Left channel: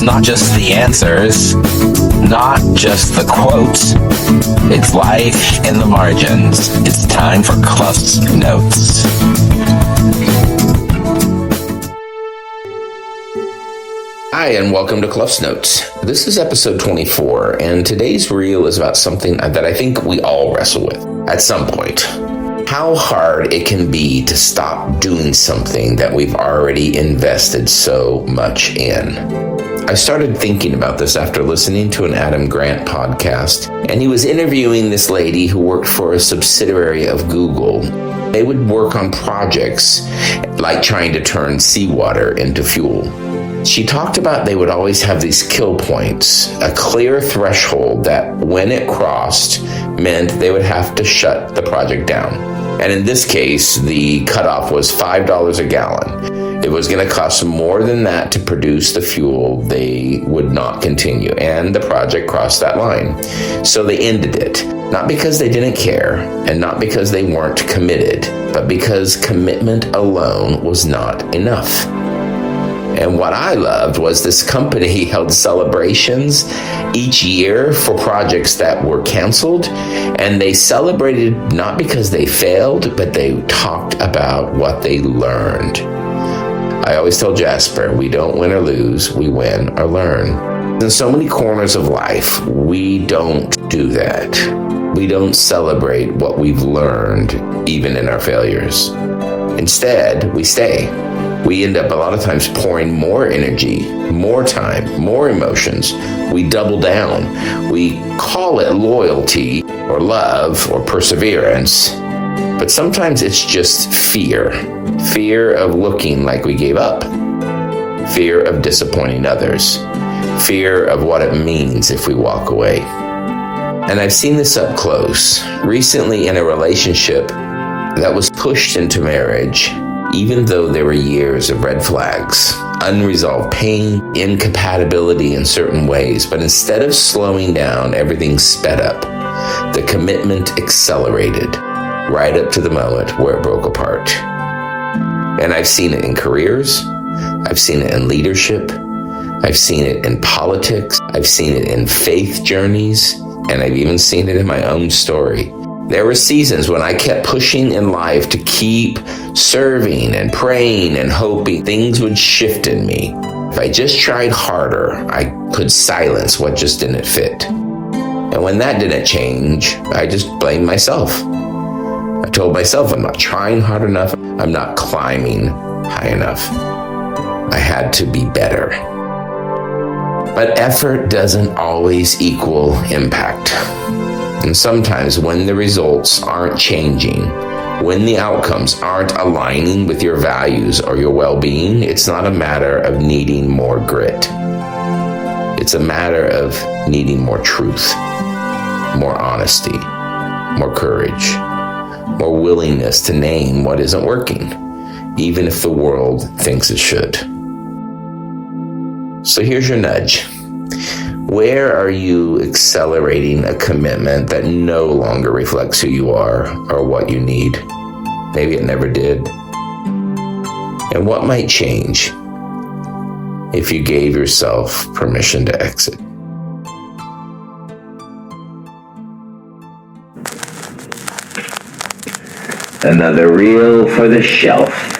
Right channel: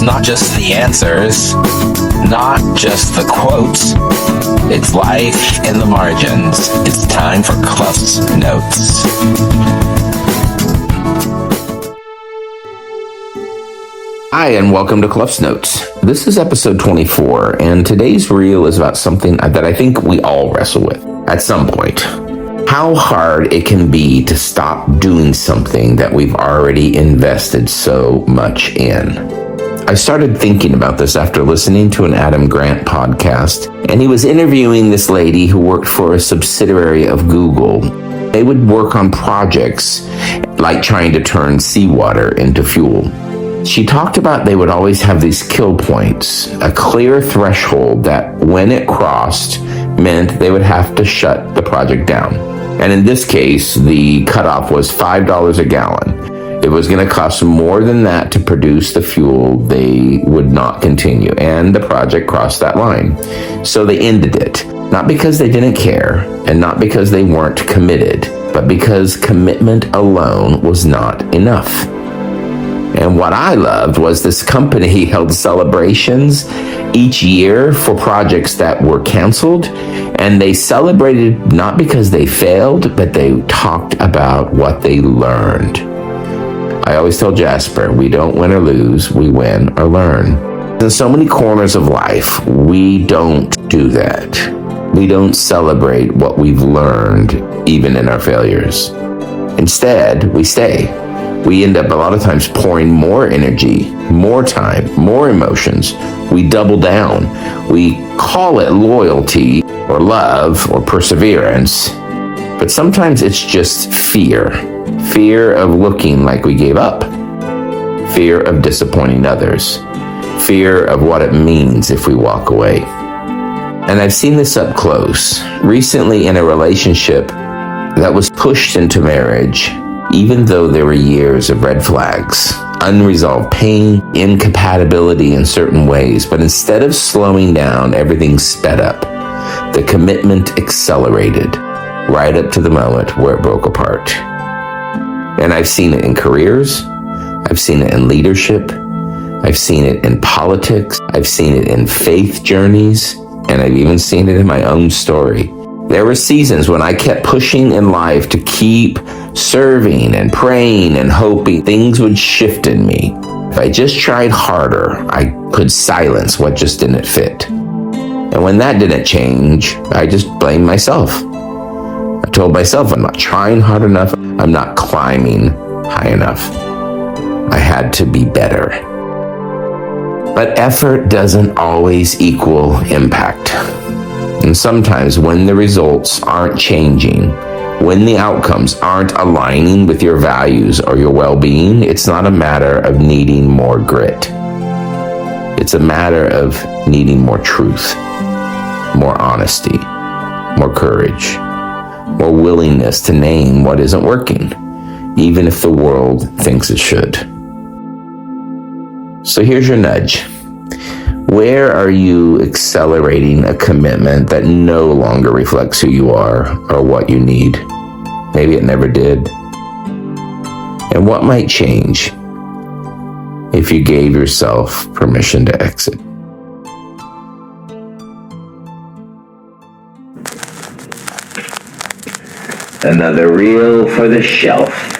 It's not just the answers, not just the quotes. It's life in the margins. It's time for CluffsNotes. Hi, and welcome to CluffsNotes. This is episode 24, and today's reel is about something that I think we all wrestle with at some point. How hard it can be to stop doing something that we've already invested so much in. I started thinking about this after listening to an Adam Grant podcast, and he was interviewing this lady who worked for a subsidiary of Google. They would work on projects like trying to turn seawater into fuel. She talked about they would always have these kill points, a clear threshold that when it crossed meant they would have to shut the project down. And in this case, the cutoff was $5 a gallon. It was going to cost more than that to produce the fuel. They would not continue. And the project crossed that line. So they ended it. Not because they didn't care and not because they weren't committed, but because commitment alone was not enough. And what I loved was this company held celebrations each year for projects that were canceled. And they celebrated not because they failed, but they talked about what they learned. I always tell Jasper, we don't win or lose, we win or learn. In so many corners of life, we don't do that. We don't celebrate what we've learned, even in our failures. Instead, we stay. We end up a lot of times pouring more energy, more time, more emotions. We double down. We call it loyalty or love or perseverance, but sometimes it's just fear. Fear of looking like we gave up. Fear of disappointing others. Fear of what it means if we walk away. And I've seen this up close. Recently in a relationship that was pushed into marriage, even though there were years of red flags, unresolved pain, incompatibility in certain ways, but instead of slowing down, everything sped up. The commitment accelerated right up to the moment where it broke apart. And I've seen it in careers, I've seen it in leadership, I've seen it in politics, I've seen it in faith journeys, and I've even seen it in my own story. There were seasons when I kept pushing in life to keep serving and praying and hoping things would shift in me. If I just tried harder, I could silence what just didn't fit. And when that didn't change, I just blamed myself. I told myself I'm not trying hard enough, I'm not climbing high enough. I had to be better. But effort doesn't always equal impact. And sometimes when the results aren't changing, when the outcomes aren't aligning with your values or your well-being, it's not a matter of needing more grit. It's a matter of needing more truth, more honesty, more courage, more willingness to name what isn't working, even if the world thinks it should. So here's your nudge. Where are you accelerating a commitment that no longer reflects who you are or what you need? Maybe it never did. And what might change if you gave yourself permission to exit? Another reel for the shelf.